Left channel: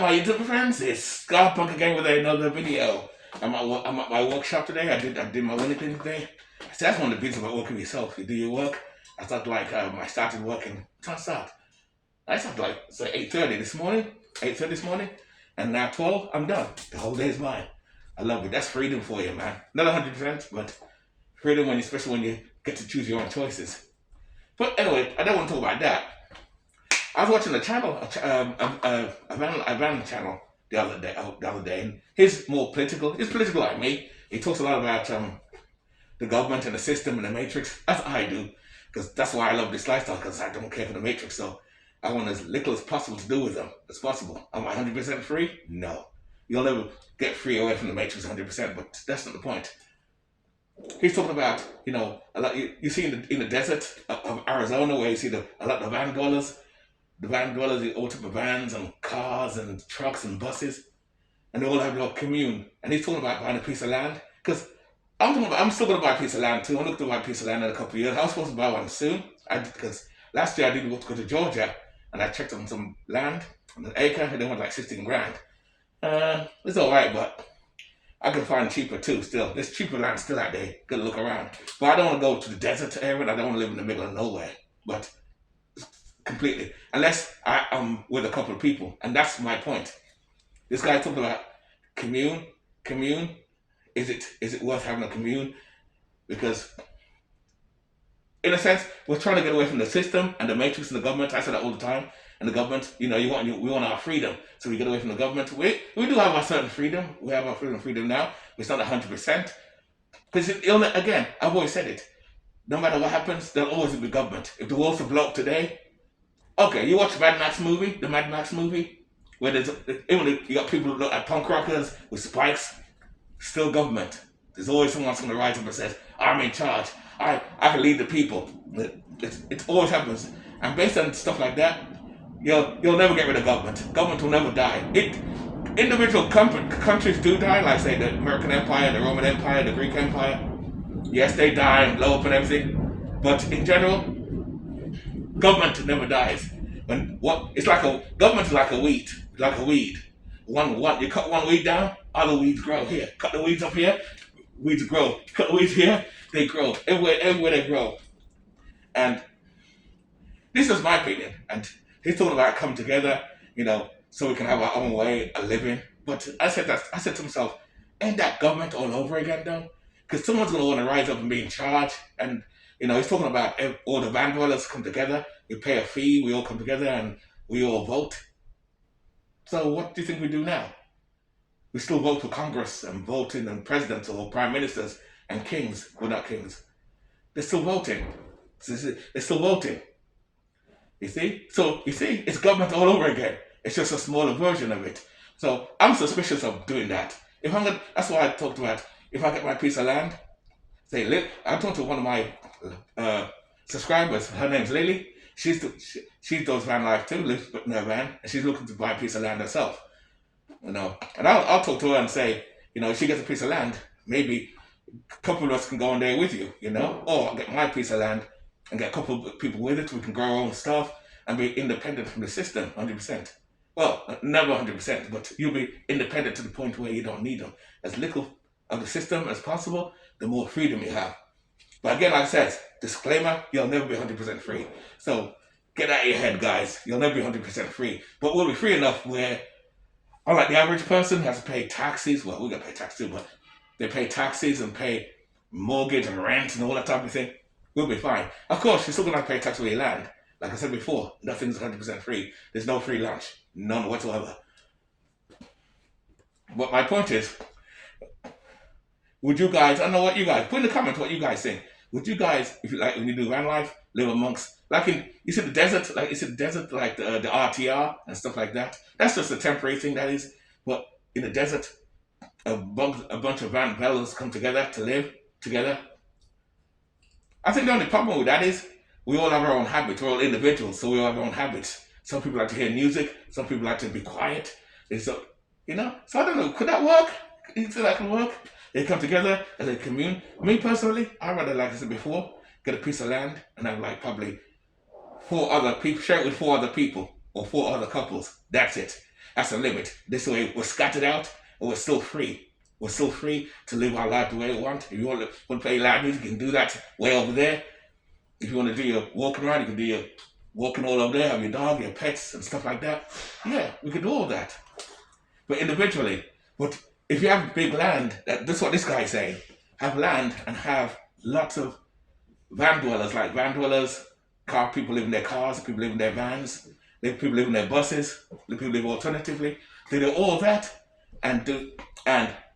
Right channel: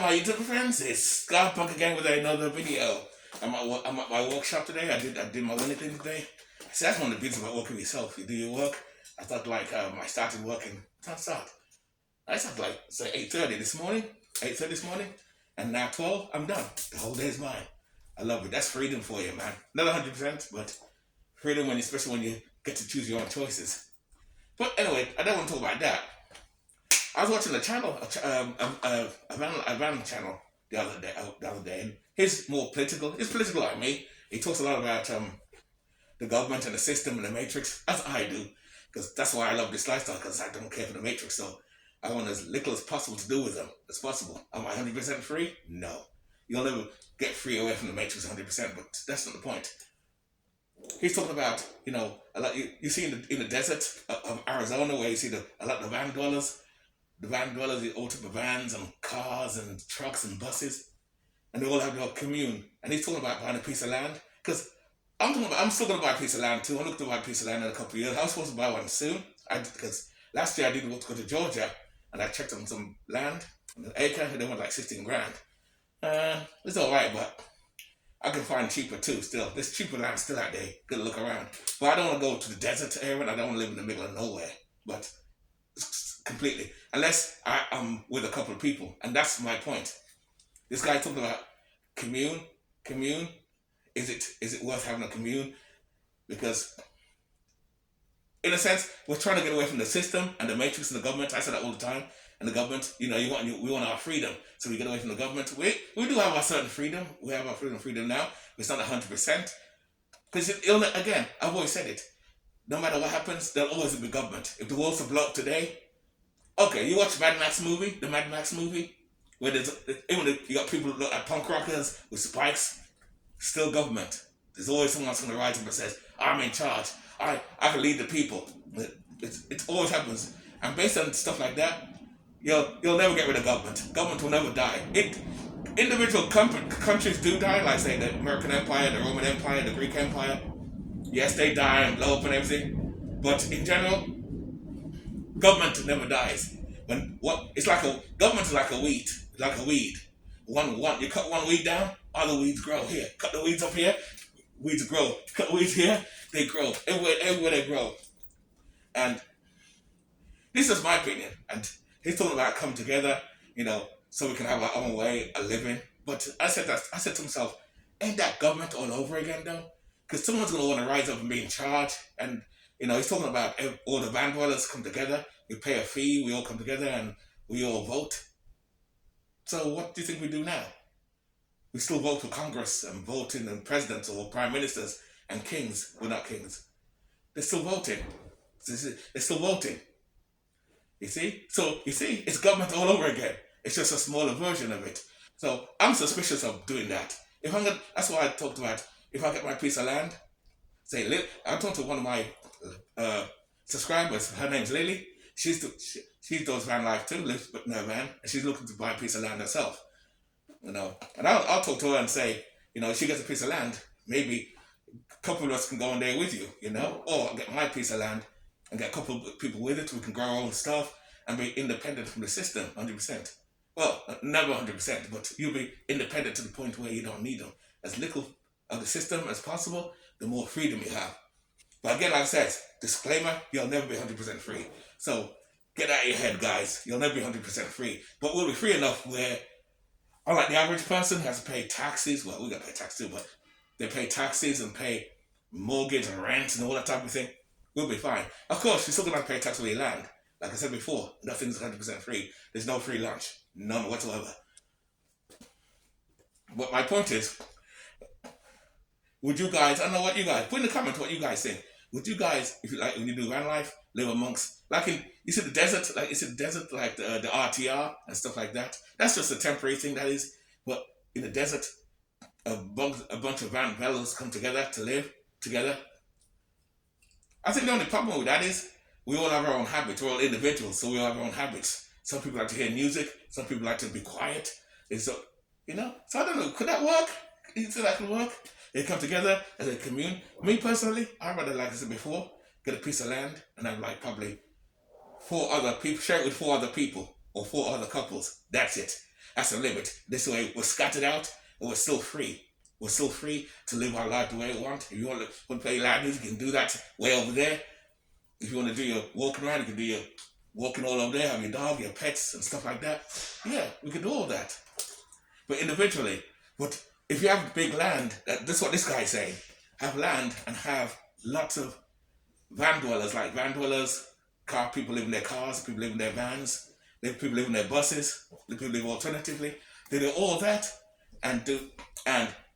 up, my YouTube friends? It's Scott Punk again with another video. I'm at my workshop today. I did my running thing today. See, that's one of the beauties about working yourself. You do your work. I thought I started working. Time start. I started say 8:30 this morning. 8:30 this morning, and now 12. I'm done. The whole day is mine. I love it. That's freedom for you, man. Not 100%, but freedom especially when you get to choose your own choices. But anyway, I don't want to talk about that. I was watching a channel, a random channel the other day, and he's more political. He's political like me. He talks a lot about the government and the system and the matrix, as I do, because that's why I love this lifestyle. Because I don't care for the matrix, so I want as little as possible to do with them as possible. Am I 100% free? No, you'll never get free away from the matrix 100%. But that's not the point. He's talking about a lot. You see in the desert of Arizona where you see a lot of van dwellers. The van dwellers, they all type of vans and cars and trucks and buses, and they all have their commune. And he's talking about buying a piece of land, because I'm still going to buy a piece of land too. I'm looking to buy a piece of land in a couple of years. I was supposed to buy one soon, because last year I did want to go to Georgia, and I checked on some land, an acre, and they went like 16 grand. It's all right, but I can find cheaper too. Still, there's cheaper land still out there. Good look around, but I don't want to go to the desert area. And I don't want to live in the middle of nowhere. But completely, unless I am with a couple of people, and that's my point. This guy talking about commune. Is it worth having a commune? Because in a sense, we're trying to get away from the system and the matrix and the government. I say that all the time. And the government, we want our freedom, so we get away from the government. We do have a certain freedom. We have our freedom now. It's not 100%. Because again, I've always said it. No matter what happens, there'll always be government. If the world's to blow up today, okay, you watch the Mad Max movie, where even you got people who look at punk rockers with spikes, still government. There's always someone on the right up and says, I'm in charge. I can lead the people. It always happens. And based on stuff like that, you'll never get rid of government. Government will never die. Individual countries do die, like say the American Empire, the Roman Empire, the Greek Empire. Yes, they die and blow up and everything. But in general, government never dies. Government is like a weed. You cut one weed down, other weeds grow here. Cut the weeds up here, weeds grow. Cut the weeds here, they grow. Everywhere they grow. And this is my opinion. And he's talking about come together, so we can have our own way of living. But I said to myself, ain't that government all over again though? Because someone's gonna want to rise up and be in charge. And he's talking about all the van dwellers come together. We pay a fee, we all come together, and we all vote. So what do you think we do now? We still vote for Congress and voting and presidents or prime ministers and kings. Well, not kings. They're still voting. They're still voting. You see? So, it's government all over again. It's just a smaller version of it. So I'm suspicious of doing that. That's why I talked about, if I get my piece of land, I talked to one of my subscribers. Her name's Lily. She does van life too, lives in her van, and she's looking to buy a piece of land herself. And I'll talk to her and say, if she gets a piece of land, maybe a couple of us can go in there with you, or I'll get my piece of land and get a couple of people with it. We can grow our own stuff and be independent from the system, 100%. Well, never 100%, but you'll be independent to the point where you don't need them. As little of the system as possible, the more freedom you have. But again, like I said, disclaimer, you'll never be 100% free. So get out of your head, guys. You'll never be 100% free. But we'll be free enough where, unlike the average person, has to pay taxes. Well, we got to pay taxes too, but they pay taxes and pay mortgage and rent and all that type of thing. We'll be fine. Of course, you're still going to pay tax on your land. Like I said before, nothing's 100% free. There's no free lunch. None whatsoever. But my point is, would you guys, I don't know what you guys, put in the comments what you guys think. Would you guys, if you like, when you do van life, live amongst, like you see the desert, like the RTR and stuff like that. That's just a temporary thing, that is. But in the desert, a bunch of van dwellers come together to live together. I think the only problem with that is we all have our own habits. We're all individuals, so we all have our own habits. Some people like to hear music. Some people like to be quiet. So I don't know. Could that work? You think that can work? They come together as a commune. Me personally, I'd rather, like I said before, get a piece of land and I'd like probably 4 other people, share it with 4 other people or 4 other couples. That's it. That's a limit. This way we're scattered out and we're still free. We're still free to live our life the way we want. If you want to play loud music, you can do that way over there. If you want to do your walking around, you can do your walking all over there, have your dog, your pets, and stuff like that. Yeah, we can do all that. But individually. But if you have big land, this is what this guy is saying. Have land and have lots of van dwellers, like van dwellers, car people live in their cars, people live in their vans, people live in their buses, people live alternatively. They do all that and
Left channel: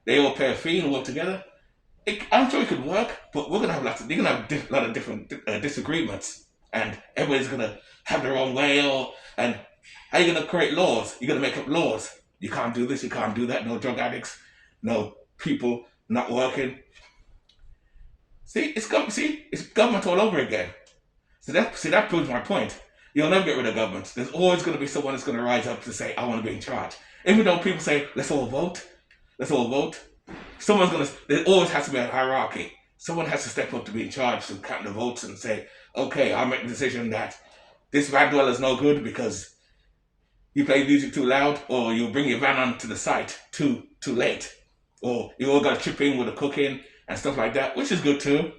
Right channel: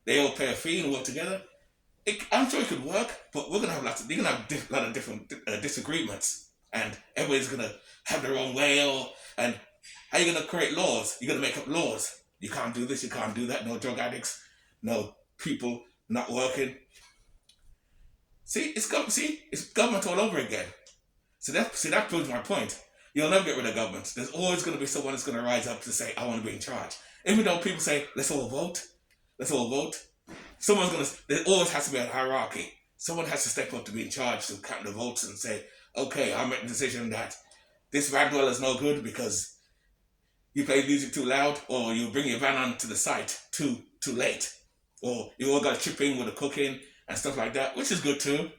they all pay a fee and work together. I'm sure it could work, but we're gonna have you're gonna have a lot of different disagreements, and everybody's gonna have their own way. And how are you gonna create laws? You're gonna make up laws. You can't do this, you can't do that. No drug addicts, no people not working. It's government all over again. So that proves my point. You'll never get rid of government. There's always going to be someone that's going to rise up to say, I want to be in charge. Even though people say, let's all vote. There always has to be a hierarchy. Someone has to step up to be in charge to count the votes and say, okay, I'll make the decision that this van dweller is no good because you play music too loud, or you bring your van onto the site too late, or you all got to chip in with the cooking and stuff like that, which is good too.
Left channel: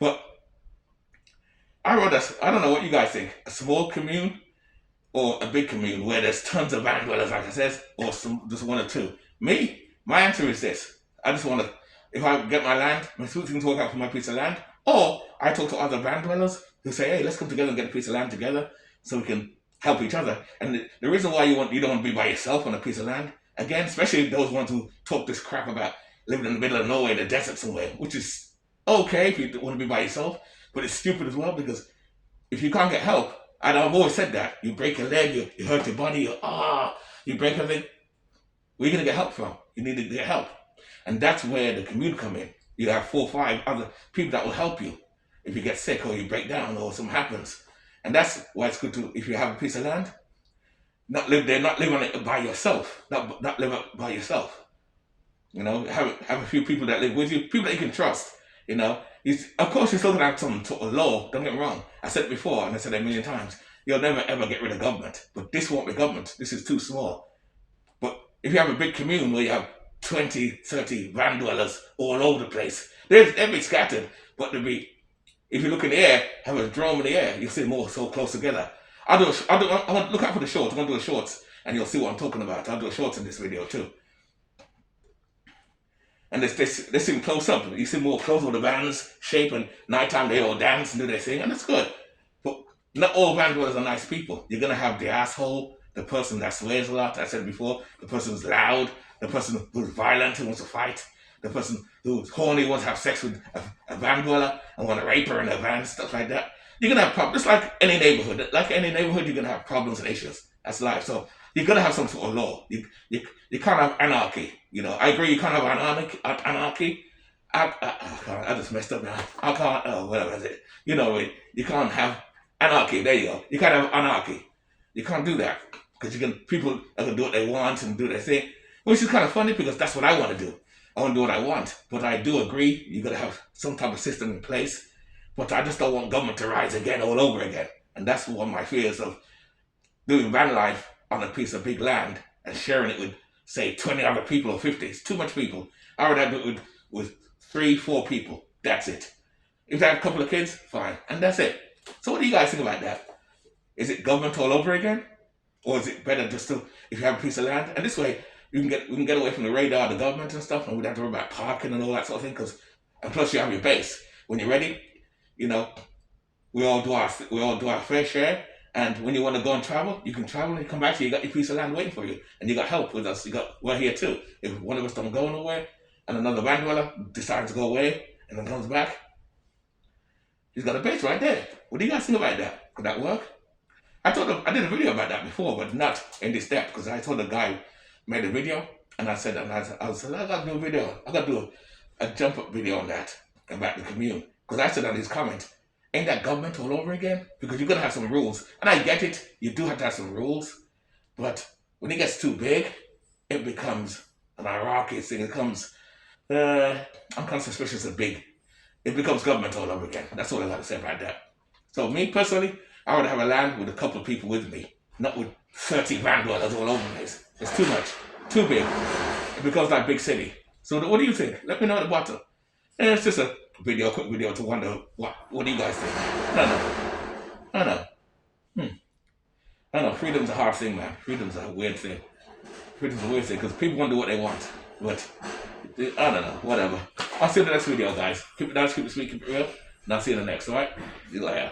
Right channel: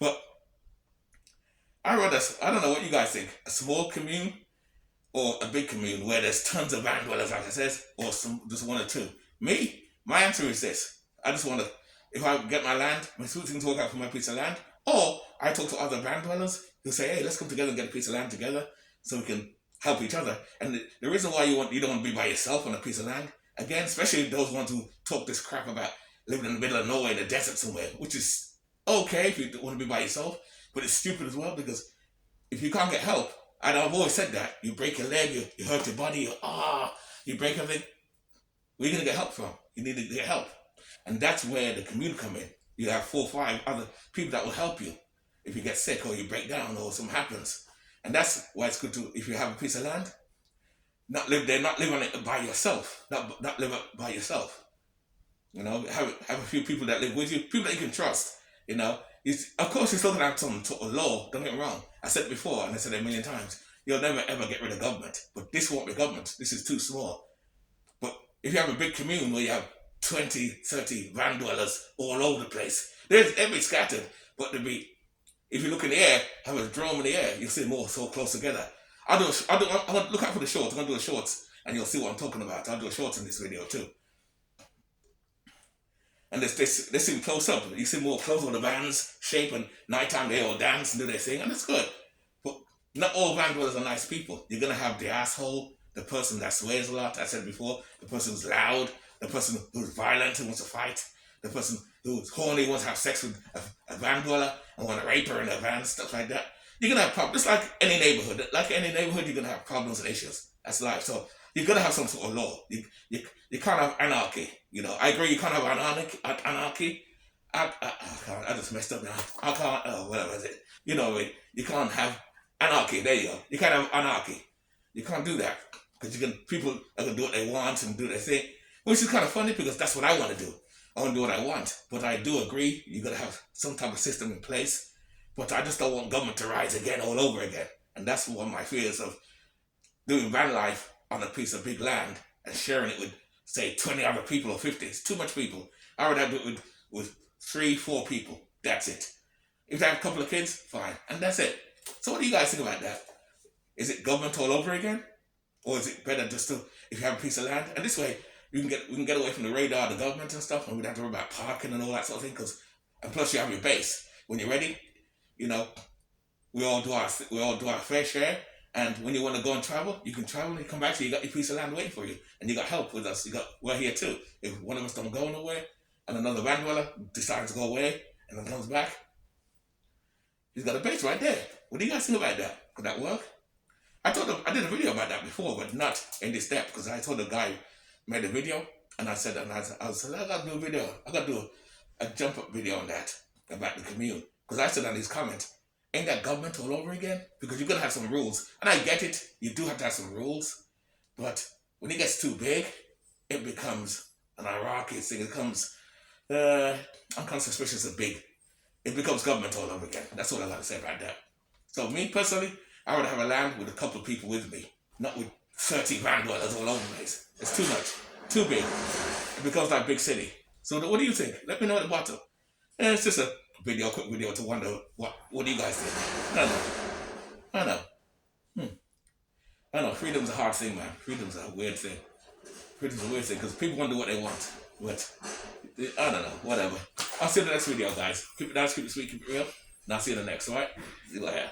But I don't know what you guys think. A small commune or a big commune where there's tons of van dwellers, like I said, or just one or two. My answer is this. I just want to, if I get my land, my suits can talk out for my piece of land, or I talk to other van dwellers who say, hey, let's come together and get a piece of land together so we can help each other. And the reason why you don't want to be by yourself on a piece of land, again, especially those ones who talk this crap about living in the middle of nowhere in the desert somewhere, which is okay if you want to be by yourself, but it's stupid as well, because if you can't get help, and I've always said that, you break your leg, you hurt your body, you break everything, where are you going to get help from? You need to get help. And that's where the community come in. You have 4 or 5 other people that will help you if you get sick or you break down or something happens. And that's why it's good to, if you have a piece of land, not live on it by yourself, not live it by yourself. You know, have a few people that live with you, people that you can trust. You know, of course you're still gonna have some sort of law. Don't get me wrong. I said it before, and I said it a million times. You'll never ever get rid of government, but this won't be government. This is too small. But if you have a big commune where you have 20, 30 van dwellers all over the place, they'll be scattered, but they'll be. If you look in the air, have a drone in the air, you'll see more so close together. I want to look out for the shorts. I'm going to do the shorts, and you'll see what I'm talking about. I'll do the shorts in this video too. And they seem close up. You see more close with the vans, shape, and nighttime they all dance and do their thing, and that's good. But not all van dwellers are nice people. You're going to have the asshole, the person that swears a lot, I said before, the person who's loud, the person who's violent, who wants to fight, the person who's horny, wants to have sex with a van dweller and want to rape her in a van, stuff like that. You're going to have problems, just like any neighborhood. Like any neighborhood, you're going to have problems and issues. That's life. So you're going to have some sort of law. You can't have anarchy. You know, I agree, you can't have anarchy. I just messed up now. I can't, whatever is it. You know, you can't have anarchy. There you go. You can't have anarchy. You can't do that. Because people are going to do what they want and do their thing. Which is kind of funny because that's what I want to do. I want to do what I want. But I do agree, you're going to have some type of system in place. But I just don't want government to rise again all over again. And that's one of my fears of doing van life on a piece of big land and sharing it with, say, 20 other people or 50. It's too much people. I would have it with 3, 4 people. That's it. If I have a couple of kids, fine. And that's it. So what do you guys think about that? Is it government all over again? Or is it better just to, if you have a piece of land? And this way, we can get away from the radar of the government and stuff, and we don't have to worry about parking and all that sort of thing. And plus, you have your base. When you're ready, you know, we all do our fair share. And when you want to go and travel, you can travel and come back to you got your piece of land waiting for you, and you got help with us. We're here too. If one of us don't go nowhere, and another van dweller decides to go away and then comes back, he's got a base right there. What do you guys think about that? Could that work? I did a video about that before, but not in this depth, because I told the guy made a video, and I said, I gotta do a video. I gotta do a jump up video on that about the commune, because I said on his comment, ain't that government all over again? Because you're gonna have some rules, and I get it. You do have to have some rules, but when it gets too big, it becomes an hierarchy thing. It becomes, I'm kind of suspicious of big. It becomes government all over again. That's all I gotta say about that. So me personally, I would have a land with a couple of people with me. not with 30 grand dollars all over the place. It's too much, too big. It becomes like big city. So what do you think? Let me know at the bottom. And it's just a quick video to wonder what do you guys think? I don't know. I don't know. I don't know. Freedom's a hard thing, man. Freedom's a weird thing. Freedom's a weird thing because people want to do what they want. But I don't know. Whatever. I'll see you in the next video, guys. Keep it nice, keep it sweet, keep it real. And I'll see you in the next, alright? See you later.